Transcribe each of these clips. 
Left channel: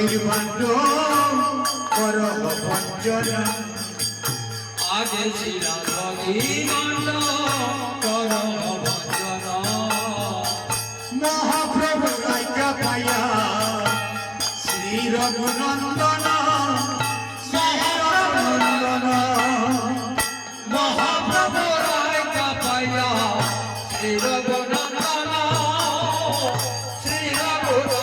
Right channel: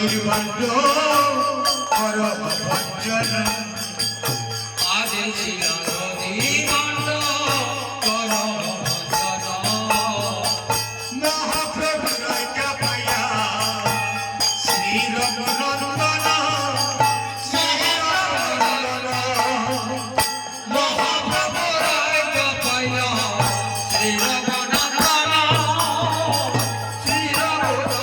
নির্বাণ্ড করব বঞ্চনা আদেশিলাম নির্বাণ্ড করব বঞ্চনা মহাপ্রভু রাজা পাইয়া শ্রী রঘুনন্দন মহাপ্রভু রাজা পাইয়া শ্রী রঘুনন্দন শ্রী রঘুনন্দন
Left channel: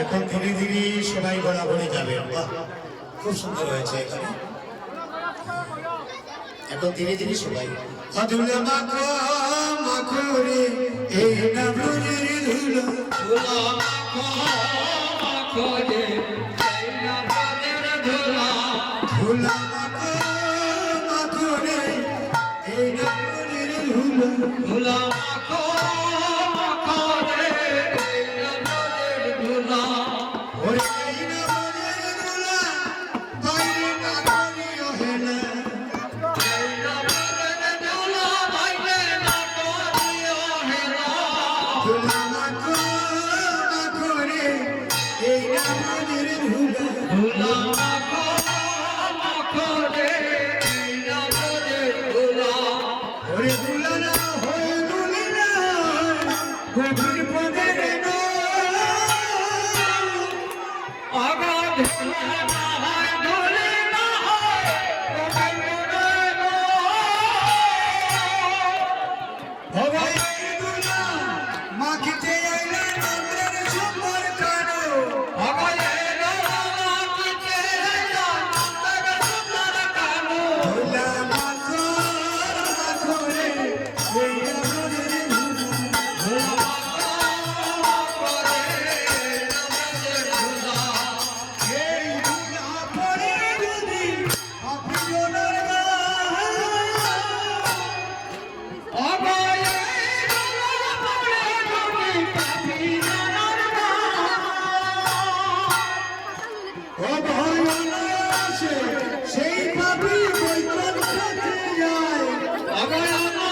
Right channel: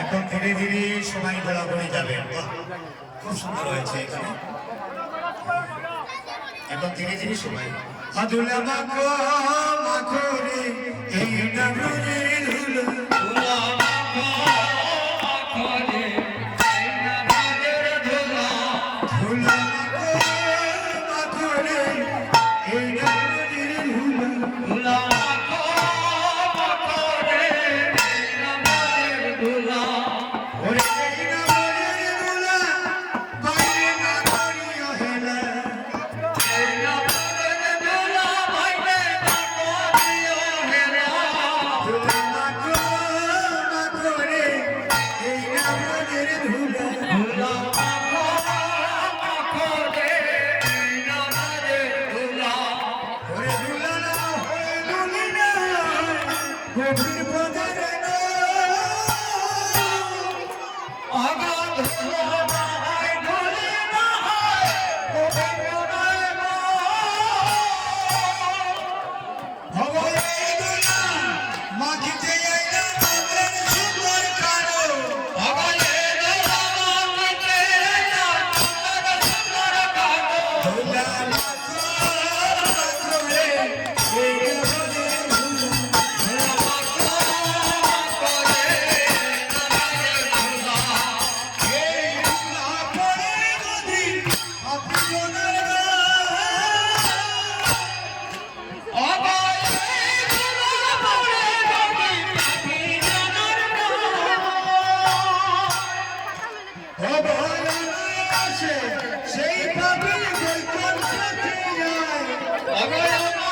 এখন ধীরে ধীরে সময় ঘোরাঘুরি যাবে খুব সুন্দর হয়েছে এখানে এখন ধীরে ধীরে সবাই মাধুলা মাখো মাখো রে এই না ব্রজের ধুলো ধুলা মাখো মাখো রে এই না ব্রজের ধুলা ধুলা মাখো মাখো রে এই না ব্রজের ধুলো ধুলা মাখো মাখো রে এই না ব্রজের ধুলা ওরে এই না ব্রজের ধুলা বাইরে না করিও হেলা এই না ব্রজের ধুলা ভাইবে না করিও হেলা ধুলা মাখো মাখো রে এই না ব্রজের ধুলা ধুলা মাখো মাখো রে এই না ব্রজের ধুলা ওরে দুলাল হয়ে দুলিনা গভীর পদের না আগাধ ধুলা না হয় ধুলি না হয় গোবিন্দ না হবে দুলা মাখিতে আইলে মনের সুন্দর কারো আগালে দলা মাটিতে এলা সুন্দর সুন্দর কানু দুলা মাখো মাখো রে এই রোজের ধুলা এই ধুলা পরে যদি আপনের সেই পাপি কই কোন পথে যায়